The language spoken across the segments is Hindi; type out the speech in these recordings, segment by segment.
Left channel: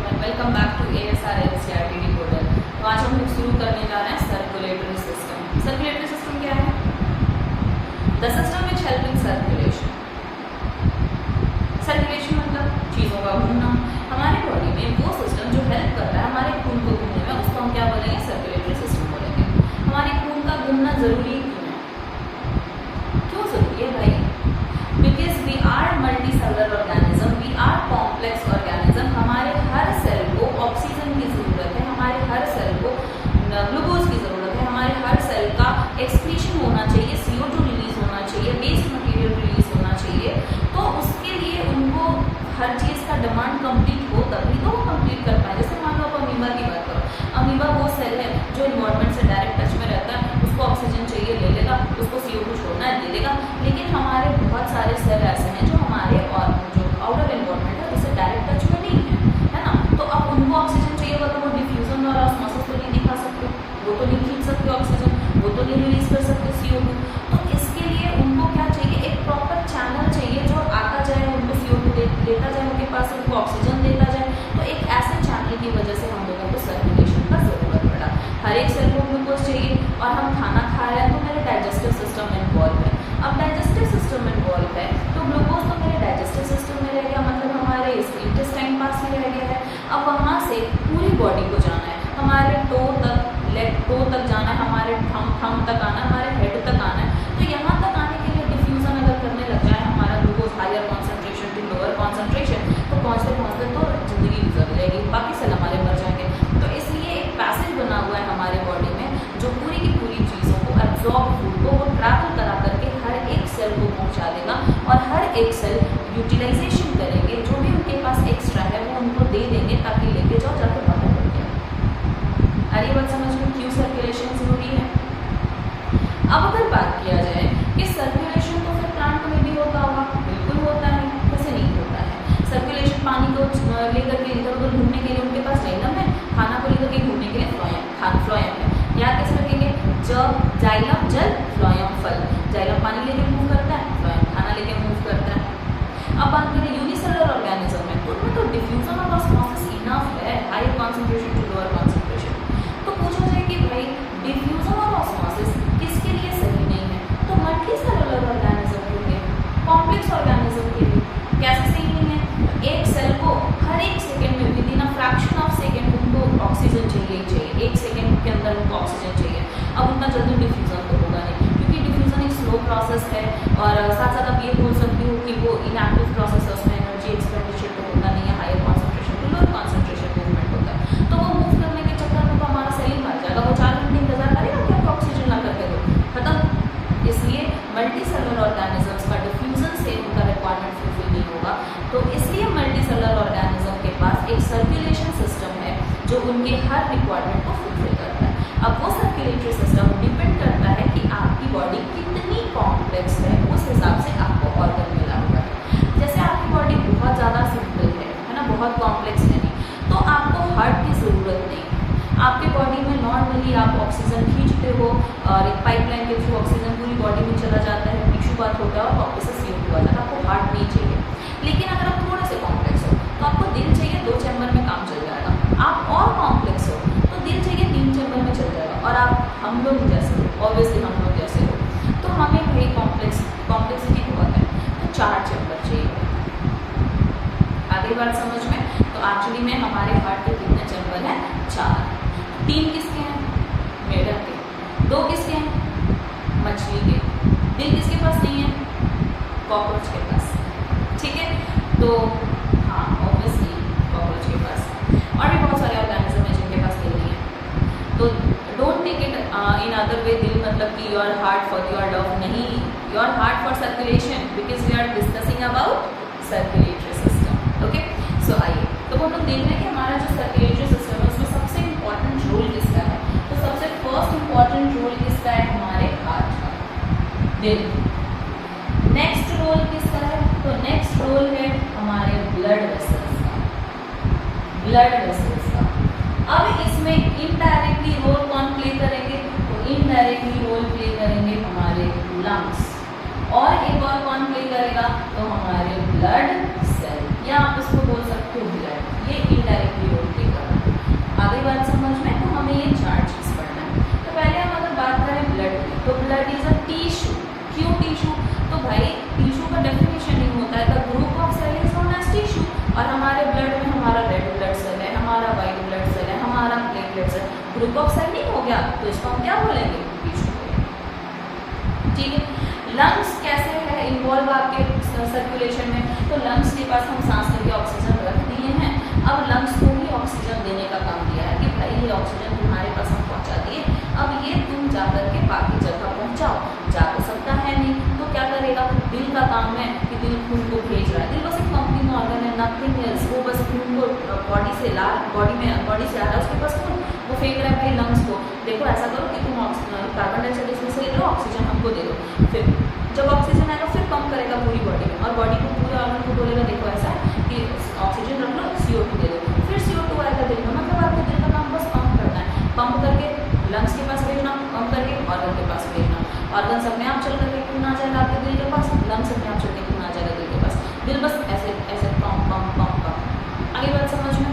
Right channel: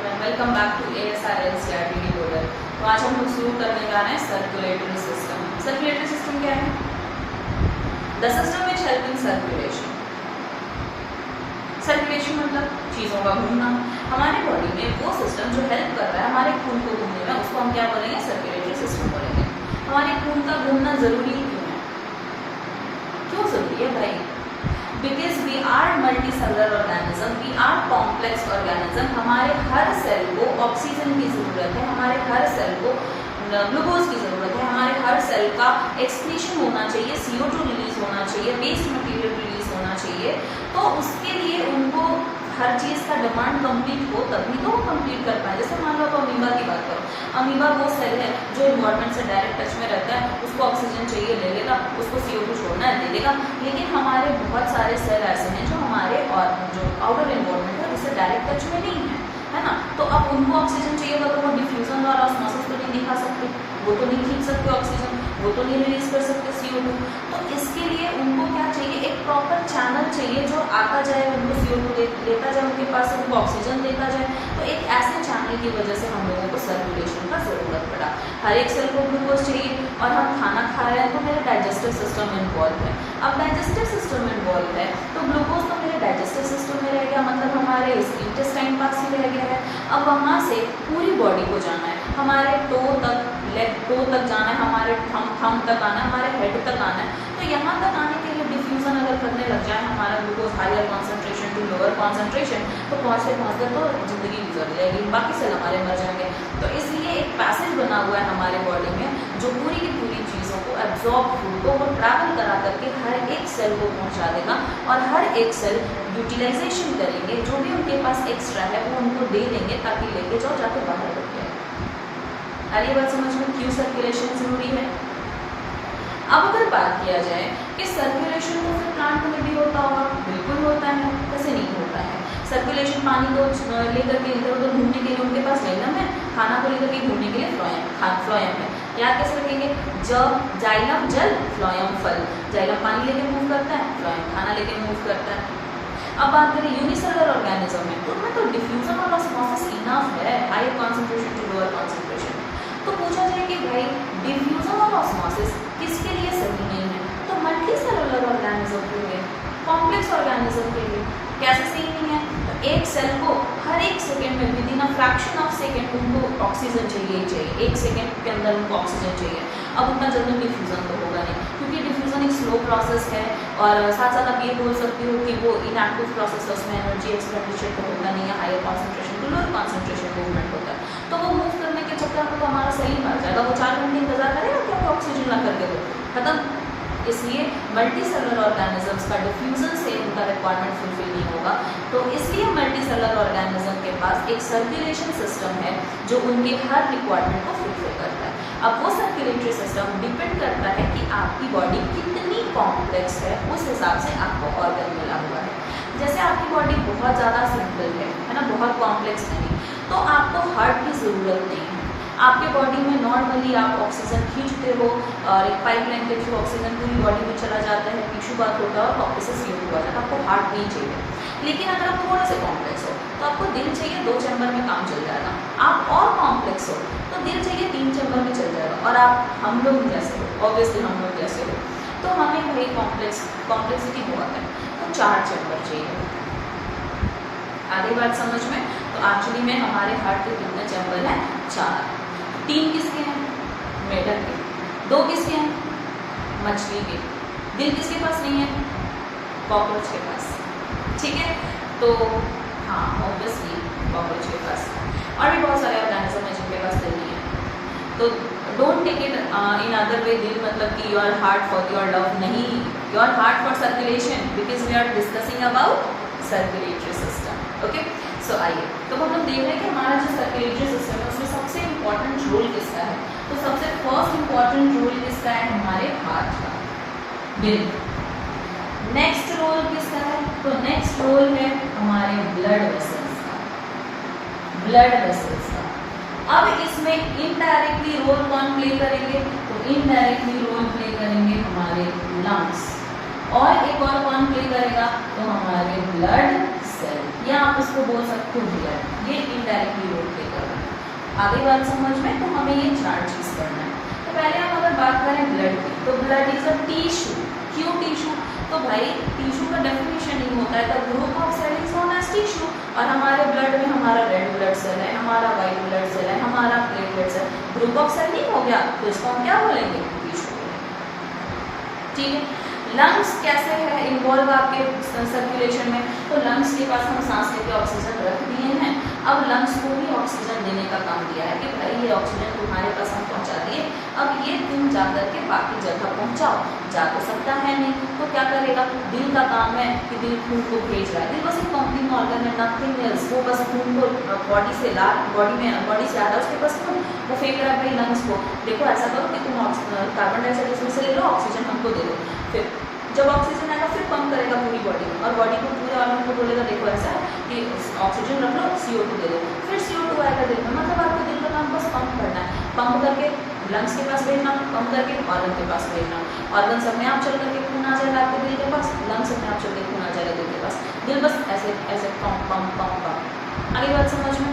Everyone, welcome back to ASR NCERT model. तो आज हम लोग शुरू करने जा रहे हैं सर्कुलेटरी सिस्टम। सर्कुलेटरी सिस्टम क्या है? The system which help in circulation. Circulation मतलब चीज़ों का घूमना। हमारे बॉडी में वो सिस्टम जो हेल्प कर रहा है हमारे खून को घूमने में, उसको हम क्या बोलेंगे? सर्कुलेटरी सिस्टम बोलेंगे। हमारे खून का घूमना जरूरी क्यों है? क्यों जरूरी है भाई? Because we are multi cellular organism, we are complex organism. हमारे हर सेल को ऑक्सीजन की ज़रूरत है, हमारे हर सेल को ग्लूकोज की ज़रूरत है, हमारे हर सेल का एक्सक्रीशन होना चाहिए, CO2 रिलीज होना चाहिए, वेस्ट मटेरियल रिलीज होना चाहिए। तो उसके लिए उनको हर चीज़ का डिमांड कंप्लीट हो तभी तो वो कंप्लीट कर पाए। जैसे मान लो आप अमीबा की बात करो, अमीबा वो सेल है जो इन्वायरमेंट से डायरेक्ट टच में रहता है, उसको ऑक्सीजन चाहिए ले लेगा, उसको CO2 छोड़ना है दे देगा। लेकिन हमारे बहुत सारे सेल ऐसे हैं जो हमारे और जो आउटर इन्वायरमेंट है उससे डायरेक्ट टच में नहीं है ना। तो अब उनको ऑक्सीजन चाहिए होगा तो वो डिफ्यूजन और ऑस्मोसिस तो नहीं दिखा सकते, वो तो नहीं खींच सकते ऑक्सीजन, वो तो नहीं रिलीज कर सकते CO2। तो इसके लिए उनको क्या चाहिए? एक प्रॉपर चैनल चाहिए जो आता जाए, उनको CO2 लेता जाए, उनके पास उनको ऑक्सीजन देता जाए। तो एक ऐसे चैनल की वजह से हम लोगों को सर्कुलेशन का ज़रूरत पड़ा। हर एक सेल को ग्लूकोज चाहिए और हम खाना खा रहे हैं तो मेरे डाइजेस्टिव सिस्टम इन्वॉल्व है। अब डाइजेस्टिव सिस्टम इन्वॉल्व है तो ग्लूकोज तो मेरे डाइजेस्टिव सिस्टम में रह गया, मतलब हमारे इंटेस्टाइन पास ही रह गया है। अब वहाँ से पूरी बॉडी को जाना है, हमारे टो तक, लेग टो तक जाना है, हमारे थम तक आना है, हमारे हेड तक आना है। तो यहाँ तक आने के लिए डिफ्यूज़न अगर करने लग जाए हमारा glucose higher concentration to lower concentration, तो पहुँचते तो ज़िंदगी गुजर जाएगी, बाकी सेल हमारे मर जाएंगे। तो इसलिए एक पैसेज बना हुआ है हमारे बॉडी में जो पूरी की पूरी चीज़ों को, एब्जॉर्ब फूड को वो ट्रैवल करा करके हर एक सेल को पहुँचा देगा और हर एक सेल यूटिलाइजेशन करेंगे, जो भी उनके पास एक्स्ट्रा है वो उनको दे देंगे ताकि लेके जाओ, जाके बाहर कर दिया। अरे बात समझ में क्यों सर्कुलेशन ज़रूरी है? अब अगर बात किया जाए कि सर्कुलेशन तो फिर प्लांट में भी होता होगा, बिल्कुल होता है, कैसे नहीं होता है। सर्कुलेशन पानी को लेकर के इधर उधर घूमने के लिए उनके पास जाइलम है, खाना को लेकर के घूमने के लिए फ्लोएम है। याद कैसे रखेंगे? जब जाइलम जल, फ्लोएम फल। जाइलम पानी लेके मूव करता है, फ्लोएम खाना लेके मूव करता है। अब बात करें यूनिसेलुलर ऑर्गेनिज्म में, तो उनमें तो डिफ्यूजन और ऑस्मोसिस इनफ है, higher concentration to lower concentration. तो पूछा जाए कि भाई डिफ्यूजन और ऑस्मोसिस किसके लिए सही नहीं है? तो मल्टी सेलुलर ऑर्गेनिज्म के लिए, कॉम्प्लेक्स ऑर्गेनिज्म के लिए कैसे सही नहीं है? तो एक सेल को हर एक सेकेंड में, with in a fraction of second उनको ऑक्सीजन चाहिए ही चाहिए, एक सेकेंड के अंदर उनको ऑक्सीजन चाहिए। अब उतना जल्दी डिफ्यूजन तो होगा नहीं, क्योंकि डिफ्यूजन एक स्लो प्रोसेस है और साथ साथ आप ये बोल सकते हो कि वो इनएक्टिव प्रोसेस है, उसमें एनर्जी एक्सपेंडिचर तो होता नहीं है, higher concentration to lower concentration movement होता है। तो वो मूव करने के चक्कर में तो हमारा सेल ही मर जाएगा, वो 4 घंटे इंतजार करेगा कि आपको ऑक्सीजन ला करके दो, खत्म। इसलिए मल्टी सेलुलर ऑर्गेनिजम्स का डिफ्यूजन से उनका रिक्वायरमेंट फुलफिल नहीं होगा। तो इसलिए मल्टी सेलुलर ऑर्गेनिज्म के पास एक सर्कुलेशन सिस्टम है जो उनके हर रिक्वायरमेंट को फुलफिल करता है। अब वो सर्कुलेटरी सिस्टम डिपेंड करता है कि आपकी बॉडी कितनी कॉम्प्लेक्स है, उस हिसाब से आपको ऑर्गन मिला हुआ है। जैसे आपकी बॉडी बहुत ज़्यादा सिंपल है ना, बहुत कॉम्प्लेक्स नहीं, तो आपको हार्ट की ज़रूरत नहीं है। आपके बॉडी में नॉर्मली आप ऑक्सीजन खींचते हो और एक पाइपलाइन के थ्रू ऑक्सीजन पूरी बॉडी में चला जाता है, टिश्यू बात होता है और वापस से CO2 आ जाता है, आपको हार्ट नहीं चाहिए। लेकिन अगर आप थोड़ा सा कॉम्प्लेक्स हो तो आपको दिल चाहिए, 2 चैम्बर में काम चल जाएगा। आप और कॉम्प्लेक्स हो तो दिल चाहिए, 3 चैम्बर में चल जाएगा। और आप हम लोग जैसे हो, ऑब्वियसली हम लोग जैसे हो, तो हमें भाई कॉम्प्लेक्सिटी बहुत है, तो 4 चैम्बर चाहिए। आधी बात समझ में? तो एक्चुअली में हमारे हार्ट के कितने चैम्बर हैं? 4। 3 किसके हैं? मेढक के। 2 किसके हैं? मछली के। दिल किसके पास नहीं है? कॉकरोच के पास। ठीक है, तो हाँ ऑब्वियसली कॉकरोच के पास। और भी बहुत सारे ऑर्गेनिज्म हैं जिनके पास दिल नहीं है। तो don't take it in other way, दिल मतलब कि your heart for your love, नहीं, your heart for circulation, because we are discussing about circulatory system. Okay, so आइए, तो हम लोग देख रहे हैं कि हमारा जो सर्कुलेटरी सिस्टम है उसमें सबसे इम्पॉर्टेंट रोल किसका है? तो सबसे फर्स्ट इम्पॉर्टेंट रोल किसका है? हमारे हार्ट का, दिल। नेक्स्ट रोल किसका है? तो नेक्स्ट रोल है हमारे ब्लड वेसल्स का, ब्लड वेसल्स का। अब इसमें इनडायरेक्टली रोल कौन प्ले करेंगे? तो इनडायरेक्टली रोल प्ले करेंगे हमारे लंग्स, और एक और कौन प्ले करेगा? तो हमारे ब्लड सेल, या आप इसको बोल सकते हो ब्लड, ये इनडायरेक्ट प्राइमरी रोल प्ले कर रहा है। आगे बात समझ में, तो हमें ये 4 चीज़ पढ़ना है। तो पहले हम अगर बात करें ब्लड की, तो ब्लड इज अ टिश्यू। क्यों टिश्यू? तो भाई टिश्यू का डेफिनेशन ही होता है the group of cell is known as tissue. और हमारे ब्लड में हमारा रेड ब्लड सेल है, हमारा वाइट ब्लड सेल है, हमारा platelet cell, group of cell नहीं हो गया, तो इसको हम क्या बोलेंगे? टिश्यू बोलेंगे। ठीक है। लंग्स कैसे है इन्वॉल्व आपके सर्कुलेशन में? तो लंग्स के पास हम सांस लेके ऑक्सीजन रख दिए हैं। अब लंग्स को भी ऑक्सीजन देने का काम दिया है कि भाई ये ऑक्सीजन तुम्हारे पास हम पहुंचा दिए, अब ये तुम जाकर के बाकी जगह पहुंचाओ। जा तो सकता है नहीं, तो क्या करेगा? दिल का काम है कि दिल खून को भेज रहा है। दिल बस एक पंपिंग ऑर्गन है, नथिंग एल्स। वो बस खून को बॉडी से ला, बॉडी से आ रहा है उसके पास खून, वो फेंक रहा है भाई लंग्स को, देखो ऐसा करो कि तुम कार्बन डाइऑक्साइड इसमें से ले लो, ऑक्सीजन हमको दे दो। फिर जब ऑक्सीजन आएगा फिर पंप करेगा पूरी बॉडी में, और बॉडी को पूरे ऑर्गन को बोलेगा देखो ऐसा है कि ऑक्सीजन रख लो, CO2 दे दो। फिर CO2 आएगा दिल में, मतलब आपके दिल का काम बस पंप करना है, पंप करके लंग्स के पास भेजना, पंप करके ऑर्गन के पास भेजना। ऑर्गन अपने आप चल करके खून आ जाएगा आपके दिल के पास, लंग्स अपने आप चल के खून आ जाएगा दिल के पास। दिल बस ऐसे ऐसे पंप पंप पंप पंप। आगे बात समझ में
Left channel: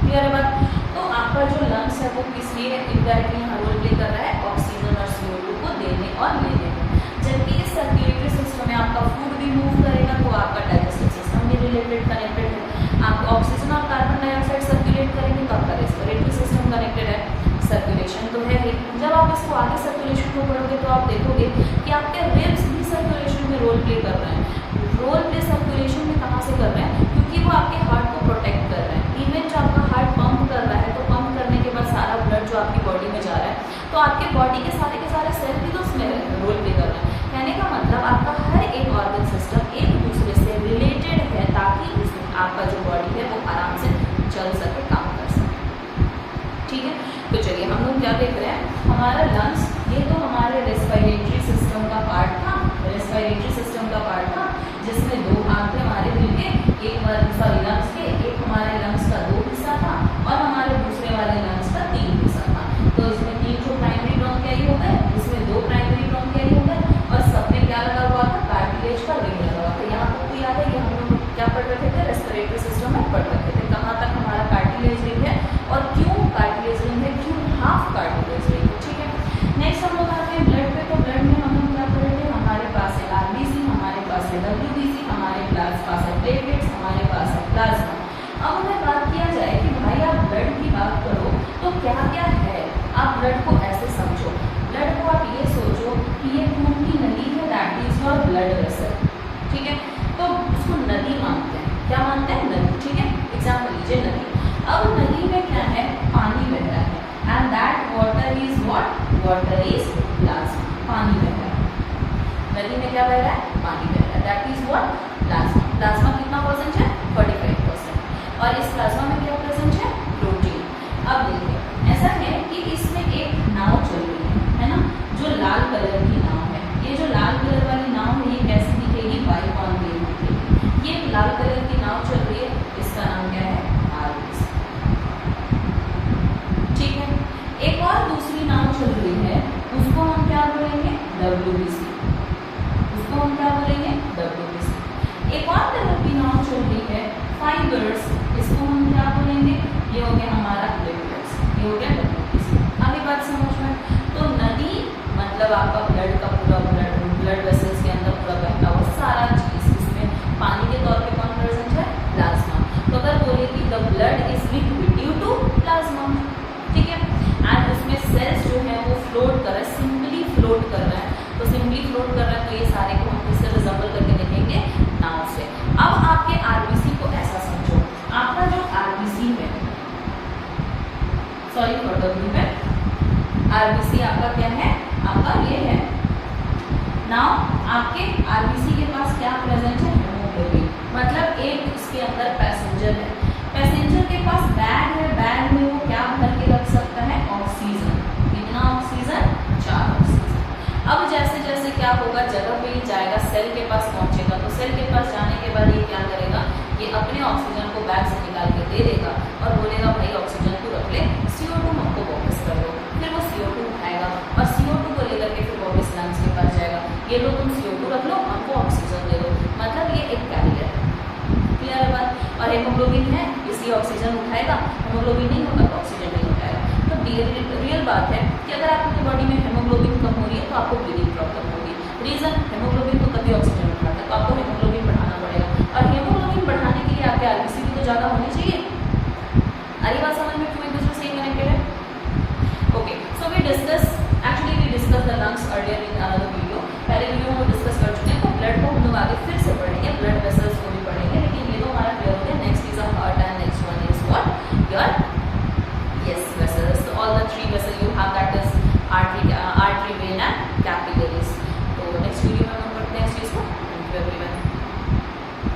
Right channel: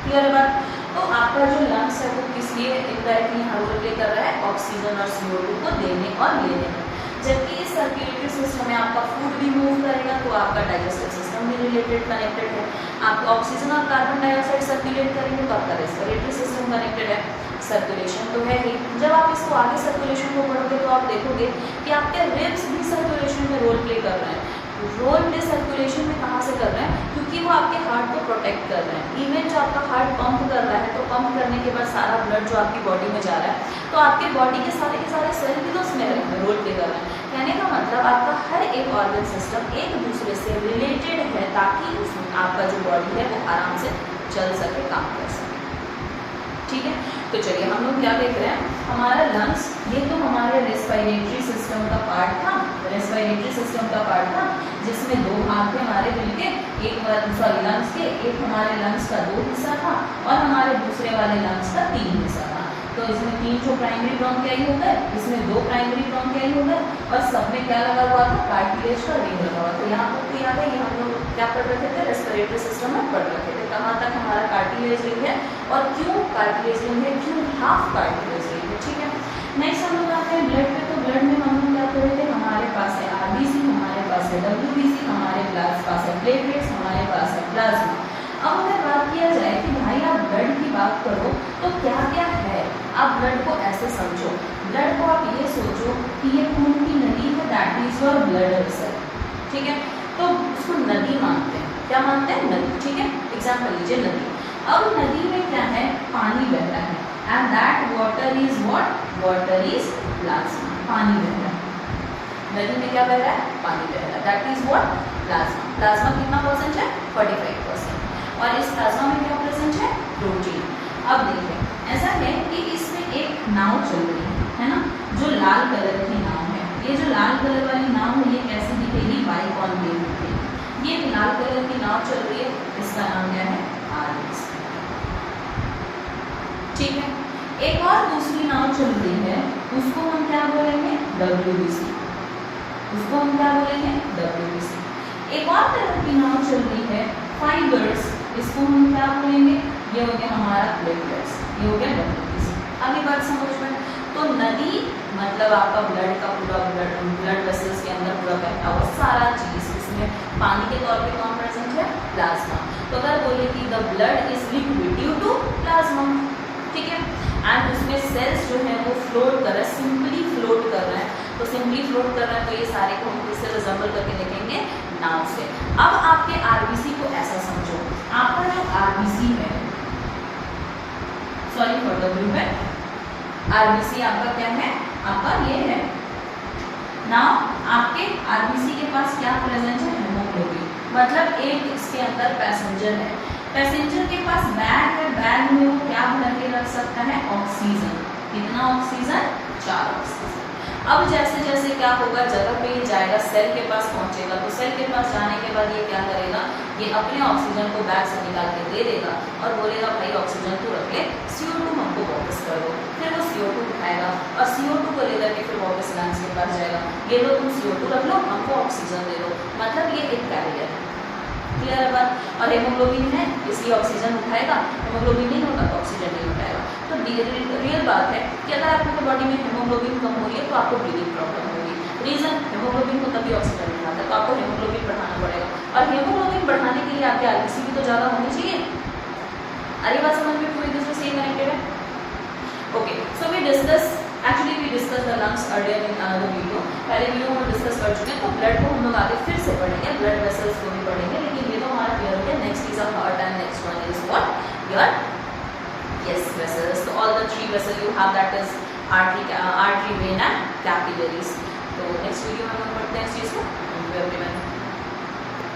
क्लियर है बात? तो आपका जो लंग्स है वो किस लिए इनडायरेक्टली यहाँ रोल प्ले कर रहा है? ऑक्सीजन और CO2 को देने और लेने में। जबकि इस सर्कुलेटरी सिस्टम में आपका फूड भी मूव करेगा, तो आपका डाइजेस्टिव सिस्टम भी रिलेटेड कनेक्टेड है। आप ऑक्सीजन और कार्बन डाइऑक्साइड सर्कुलेट करेंगे तो आपका रेस्पिरेटरी सिस्टम कनेक्टेड है। सर्कुलेशन तो है ही। जब आप इसको आगे सर्कुलेशन को पढ़ोगे तो आप देखोगे कि आपके रिब्स भी सर्कुलेशन में रोल प्ले कर रहे हैं। रोल प्ले सर्कुलेशन में कहाँ से कर रहे हैं? क्योंकि वो आपके हार्ट को प्रोटेक्ट कर रहे हैं। इवन जो आपका हार्ट पंप कर रहा है, तो पंप करने के बाद सारा ब्लड जो आपकी बॉडी में जा रहा है, तो आपके बॉडी के सारे सेल भी तो उसमें रोल प्ले कर रहे हैं। कहने का मतलब आपका हर एक ऑर्गन सिस्टम एक दूसरे से रिलेटेड है, ताकि आपका जो बॉडी है वो आराम से चल सके, काम कर सके। ठीक है, तो चलिए हम लोग क्या देख रहे हैं? हमारा लंग्स, ये तो हमारे रेस्पिरेटरी सिस्टम का पार्ट था, रेस्पिरेटरी सिस्टम का पार्ट था, जिसमें 2 भाग थे हमारे दिल के, एक लंग्स के, एक हमारे लंग्स का 2 हिस्सा था और हमारे दूसरे वाले लंग्स का 3 हिस्सा था। तो इसमें 3 जो प्राइमरी ब्रोंकियाई हो गए, इसमें 2 प्राइमरी ब्रोंकियाई हो गए, और सब में क्या लगा हुआ था? कार्टिलेज का रिंग लगा हुआ। तो यहाँ तक तो याद है, ये हम लोग क्या पढ़ रखे थे? रेस्पिरेटरी सिस्टम में पढ़ रखे थे। कहाँ तक हमारा कार्टिलेज रिंग है और क्यों कार्टिलेज रिंग है, क्यों हाफ कार्टिलेज रिंग है। ठीक है, नेक्स्ट हम लोग आते हैं ब्लड पे। तो ब्लड में हम लोग क्या पढ़े थे? हमारे पास है RBC, हमारे पास है WBC, हमारे पास है प्लेटलेट्स, हमारे पास है प्लाज्मा। अब अगर बात किया जाए कि भाई आप ब्लड की बात करो तो क्या क्या है, आप ब्लड को ऐसे समझो। ब्लड को आप ये सोचो कि ये खून की नदी है, that is your blood vessel. ठीक है, तो उसको नदी मानते हैं। क्या मानते हैं? नदी। ठीक है, एग्जाम्पल लीजिए नदी। अब नदी में क्या है? पानी बह रहा है, and that water is what? Water is plasma. पानी बह रहा है, नदी में क्या बह रहा है? पानी बह रहा है, that is what? Plasma. Plasma कितना परसेंट है? 45%। और इस प्लाज्मा में क्या प्रेजेंट है? प्रोटीन। अब देखिए ऐसा है कि इसमें एक नाव चल रही है ना, जो लाल कलर की नाव है। ये जो लाल कलर वाली नाव है, ये कैसी दिखेगी? बाइकॉन्वेव दिखेगी। ये लाल कलर की नाव चल रही है, इसका नाम क्या है? RBC। ठीक है, एक और दूसरी नाव चल रही है, उसको हम क्या बोलेंगे? WBC। उसको हम क्या बोलेंगे? WBC। एक और तरह की नाव चल रही है, फाइबर्स, इसको हम क्या बोलेंगे? ये हो गया हमारा प्लेटलेट्स, ये हो गया WBC। आगे बात समझ में? तो नदी मतलब आपका ब्लड का पूरा ब्लड वेसल्स के अंदर पूरा बहता हुआ सारा चीज, इसमें पानी के तौर पे कौन प्रेजेंट है? प्लाज्मा। तो अगर बोले कि the blood is liquid due to plasma, ठीक है, एंड उसमें सेल्स जो है वो फ्लोट कर रहा है, सिंपली फ्लोट कर रहा है। तो सिंपली फ्लोट कर रहा है, तो ये सारे को हम किससे रिजम्बल करके देखेंगे? नाव से। अब आपके RBC को ऐसा समझो, आपका जो RBC है, सॉरी फॉर द ब्लू है, RBC आपका क्या है? आपका ये है नाउ। आपके RBC के पास क्या प्रेजेंट है? हेमोग्लोबिन। मतलब एक इसके अंदर पैसेंजर है, पैसेंजर के पास बैग है, बैग में वो क्या भर के रख सकता है? ऑक्सीजन। कितना ऑक्सीजन? 4 ऑक्सीजन। अब जैसे जैसे क्या होगा, जगह पे ही जाएगा, सेल के पास पहुंचेगा, तो सेल के पास जाने के बाद ये क्या करेगा? ये अपने ऑक्सीजन को बैग से निकाल के दे देगा और बोलेगा भाई ऑक्सीजन तू रख ले, CO2 हमको वापस कर दो। फिर वो CO2 उठाएगा और CO2 को लेकर के फिर वापस लंग्स के पास जाएगा, ये लो तुम CO2 रख लो, हमको ऑक्सीजन दे दो। मतलब ये एक कैरियर है। क्लियर है बात। और हेमोग्लोबिन है इसलिए ऑक्सीजन उठाएगा, हेमोग्लोबिन नहीं होगा तो ऑक्सीजन नहीं उठाएगा। तो रियल बात है कि अगर आपके बॉडी में हेमोग्लोबिन कम हो रही है तो आपको ब्रीदिंग प्रॉब्लम होगी। रीजन, हेमोग्लोबिन को तभी ऑक्सीजन उठाता है, तो आपको हेमोग्लोबिन बढ़ाना पड़ेगा। और हेमोग्लोबिन बढ़ाने के लिए आपके आरबीसी भी तो ज़्यादा होनी चाहिए। अरे बात समझ में क्यों एक दूसरे से कनेक्टेड है? Okay, so we discuss the lungs earlier in another video. पहले वीडियो में डिस्कस कर चुके हैं, तो ब्लड को हम लोग आगे फिर से पढ़ेंगे, ब्लड वेसल्स को भी पढ़ेंगे, लेकिन ये तो हमारा क्लियर हो गया। Next is a heart and next one is what? Your vessels. तो all the 3 vessel you have, that is artery, vein and capillaries. तो नेक्स्ट वीडियो में हम पढ़ते हैं इस चीज़ को। Thank you everyone.